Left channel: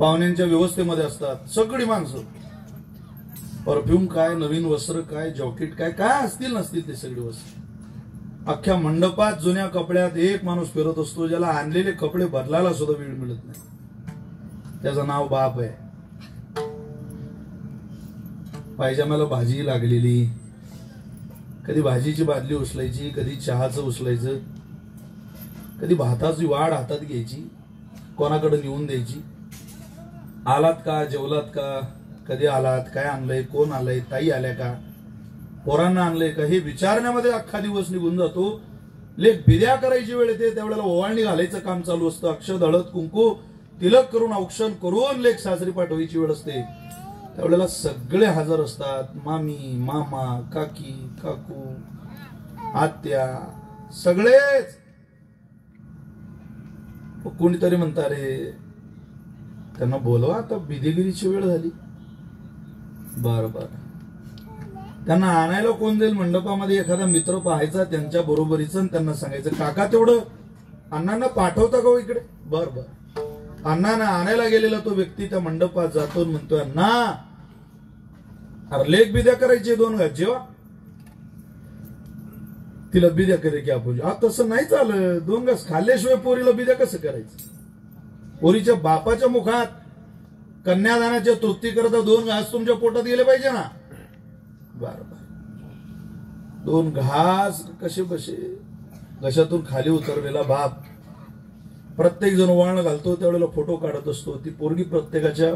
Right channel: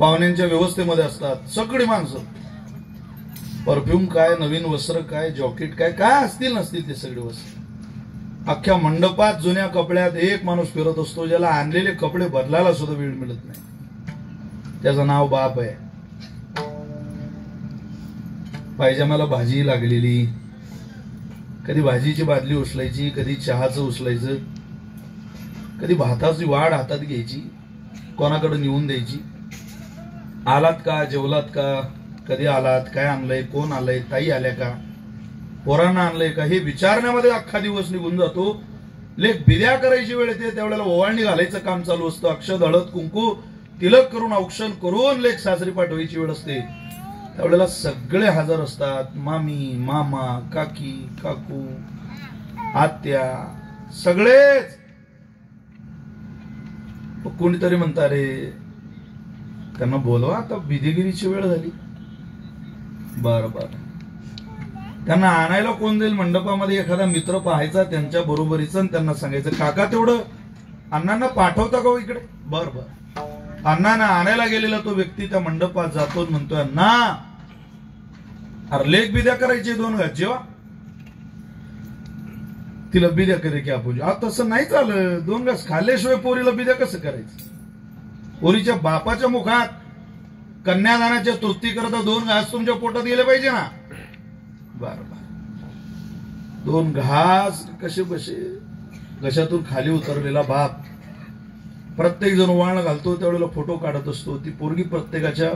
पाहुण्यांच्या व्यवस्थेमध्ये असतात सगळी माणसं. परफ्यूम काय, नवीन वस्त्र काय, जॉकेट काय काय असतील नसतील ते सगळे वस्त्र. अख्ख्या मंडपात जुन्या कपड्यात एक माणूस फिरत असतो ज्याला आणलेले कपडे बदलायला सुद्धा वेळ मिळत नाही. त्याचं नाव बाप आहे. पायजामाला भाजी लागलेली, कधी भाजीची बादली उचलायची, कधी चहाचं उचलायचं, कधी भाताची वाढ हातात घ्यायची, कोणाकडे नेऊन द्यायची. आलात का, जेवलात का, कधी आलात, काय आणलंय, कोण आलंय, ताई आल्या का, पोरांना आणलंय का, हे विचारण्यामध्ये अख्खा दिवस निघून जातो. लेख बिद्या करायची वेळ येते त्यावेळेला ओवाळणी घालायचं काम चालू असतं. अक्षत, हळद, कुंकू, तिलक करून औक्षण करून लेख सासरी पाठवायची वेळ असते. त्यावेळेला सगळे हजर असतात. मामी, मामा, काकी, काकू, आत्या, सगळेच. कोणीतरी म्हणता रे त्यांना बोलवा, आता बिदेगिरीची वेळ झाली. बरं बरं. त्यांना आणायला कोण जाईल मंडपामध्ये? एखादा मित्र पाहायचा त्यांच्या बरोबरीचं, त्यांना सांगायचं काका तेवढं अण्णांना पाठवता का इकडे? बर बर. अण्णांना आणायला गेलेला तो व्यक्ती त्या मंडपात जातो, म्हणतोय अण्णा अरे लेख बिद्या करायचे 2 घास जेव्हा. तिला बिद्या करे की आपण तसं नाही चालत. 2 घास खाल्ल्याशिवाय पोरीला बिद्या कसं करायचं? पोरीच्या बापाच्या मुखात कन्यादानाच्या तृप्ती करता 2 घास तुमच्या पोटात गेले पाहिजे ना. बर बर. 2 घास कसे बसे घशातून खाली उतरलेला बाप. प्रत्येक जण ओवाळणं घालतो त्यावेळेला फोटो काढत असतो. ती पोरगी प्रत्येकाच्या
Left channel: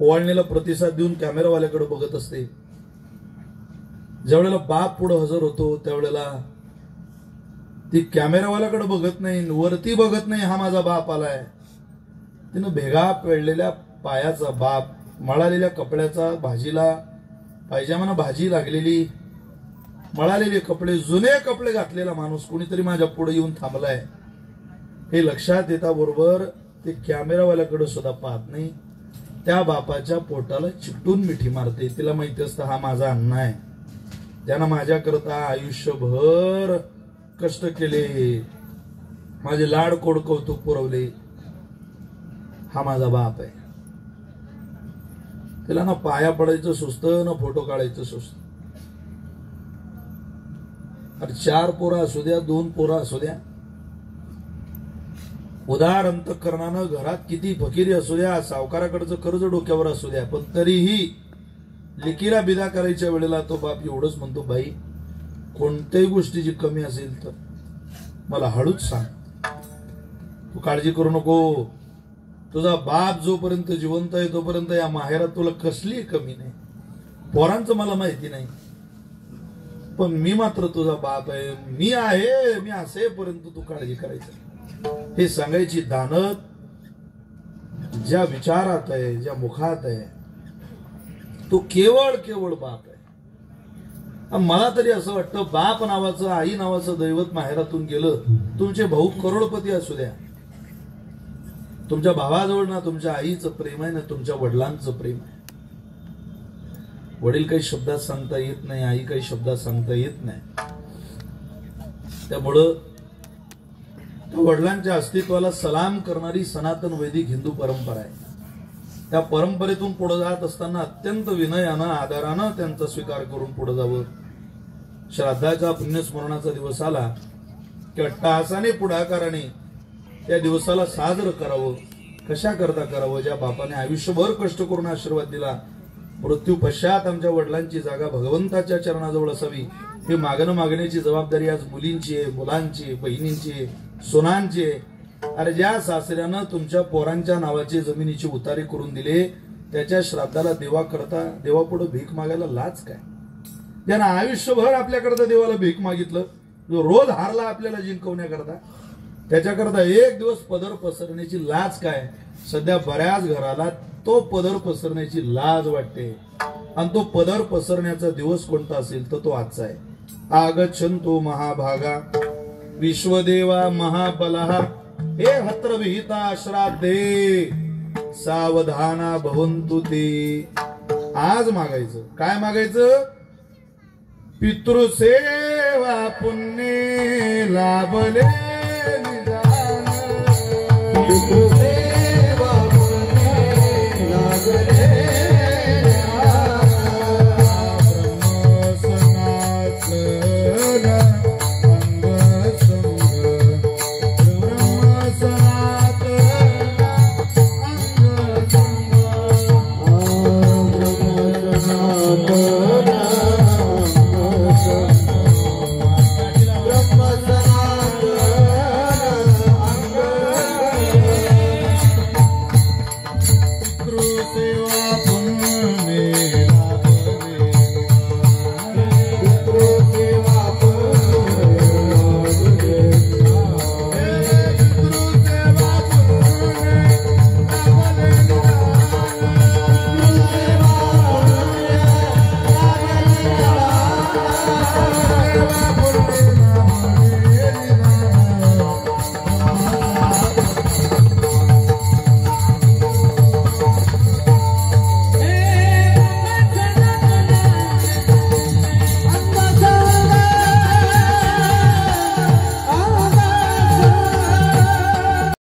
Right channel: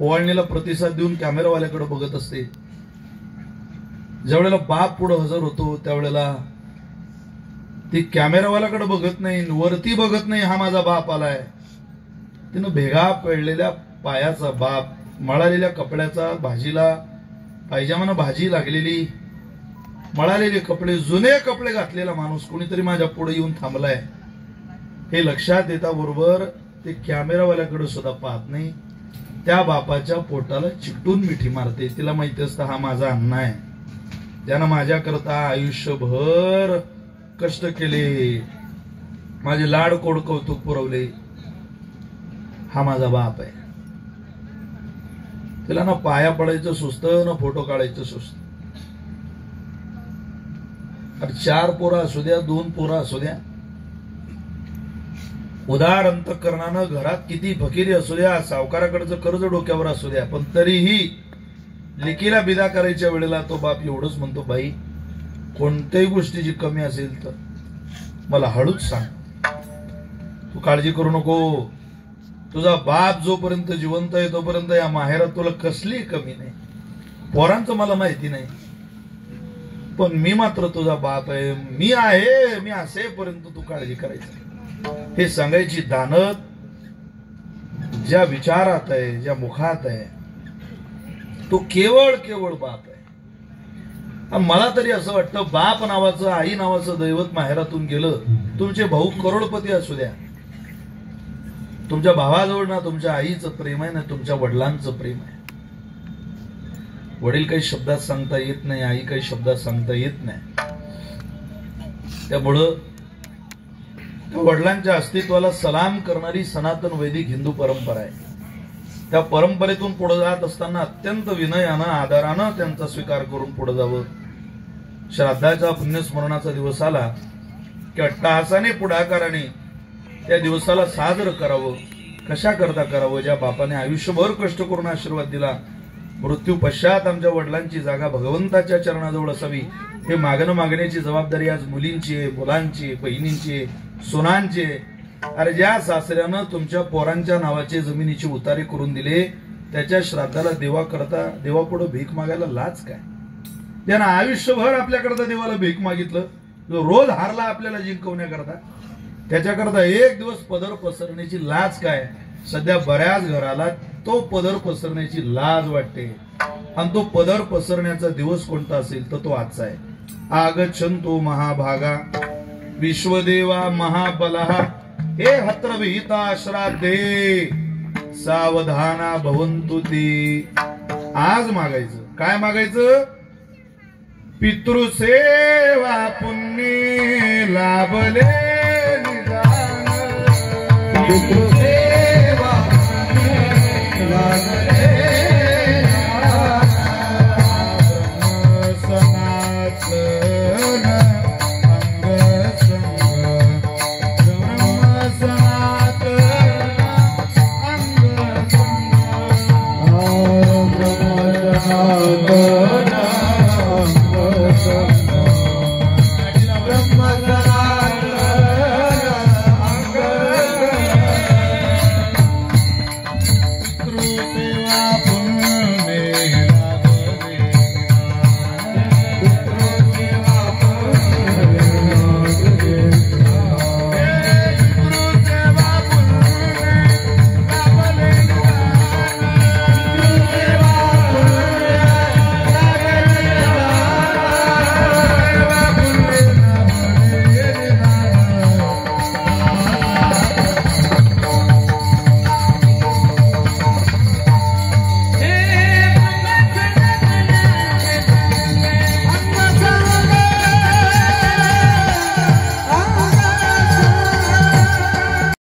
ओवाळणीला प्रतिसाद देऊन कॅमेरावाल्याकडे बघत असते. ज्यावेळेला बाप पुढे हजर होतो त्यावेळेला ती कॅमेरावाल्याकडे बघत नाही, वरती बघत नाही, हा माझा बाप आलाय. तिनं भेगा पडलेल्या पायाचा बाप, मळालेल्या कपड्याचा, भाजीला पायजामानं भाजी लागलेली, मळालेले कपडे, जुने कपडे घातलेला माणूस कोणीतरी माझ्या पुढे येऊन थांबलाय हे लक्षात येता बरोबर ते कॅमेरावाल्याकडे सुद्धा पाहत नाही. त्या बापाच्या पोटाला चिकटून मिठी मारते. तिला माहिती असतं हा माझा अण्णा आहे, त्यानं माझ्याकरता आयुष्यभर कष्ट केले, माझे लाड कोड कौतुक पुरवले, हा माझा बाप आहे. तिला ना पाया पडायचं सुचतं ना फोटो काढायचं सुचतं. 4 पोरं असू द्या, 2 पोरं असू द्या, उदार अंतःकरणानं घरात किती फकिरी असू द्या, सावकाराकडचं कर्ज डोक्यावर असू द्या, पण तरीही लेकीला बिदा करायच्या वेळेला तो बाप एवढंच म्हणतो, बाई कोणत्याही गोष्टीची कमी असेल तर मला हळूच सांग, तू काळजी करू नको. तुझा बाप जोपर्यंत जिवंत आहे तोपर्यंत या माहेरात तुला कसली कमी नाही. पोरांचं मला माहिती नाही, पण मी मात्र तुझा बाप आहे, मी आहे, मी असेपर्यंत तू काळजी करायची. हे सांगायची दानत ज्या विचारात आहे, ज्या मुखात आहे, तो केवळ केवळ बाप आहे. मला तरी असं वाटतं बाप नावाचं, आई नावाचं दैवत माहेरातून गेलं. तुमचे भाऊ करोडपती असू द्या, तुमच्या भावाजवळ ना तुमच्या आईचं प्रेम आहे ना तुमच्या वडिलांचं प्रेम आहे. वडील काही शब्दात सांगता येत नाही, आई काही शब्दात सांगता येत नाही. त्यामुळं वडिलांच्या अस्तित्वाला सलाम करणारी सनातन वैदिक हिंदू परंपरा आहे. त्या परंपरेतून पुढे जात असताना अत्यंत विनयानं, आदरानं त्यांचा स्वीकार करून पुढे जावं. श्राद्धाचा पुण्यस्मरणाचा दिवस आला की अट्टहासाने पुढाकाराने त्या दिवसाला साजरं करावं. कशा करता करावं? ज्या बापाने आयुष्यभर कष्ट करून आशीर्वाद दिला, मृत्यू पश्चात आमच्या वडिलांची जागा भगवंताच्या चरणाजवळ असावी हे मागण्याची जबाबदारी आज मुलींची आहे, मुलांची, बहिणींची, सोनांची. अरे ज्या सासऱ्यानं तुमच्या पोरांच्या नावाचे जमिनीची उतारे करून दिले त्याच्या श्राद्धाला देवापुढे भीक मागायला लाज काय? ज्यानं आयुष्यभर आपल्याकरता देवाला भीक मागितलं, जो रोज हारला आपल्याला जिंकवण्याकरता, त्याच्याकरता एक दिवस पदर पसरण्याची लाज काय? सध्या बऱ्याच घराला तो पदर पसरण्याची लाज वाटते. आणि तो पदर पसरण्याचा दिवस कोणता असेल तर तो आजचा आहे. आगच्छन्तु महाभागा विश्वदेवा महाबलः हे हत्र विहिता श्राद्धे सावधाना भवन्तु ते. आज मागायचं काय? मागायचं पितृसेवा पुण्य लाभले निदान.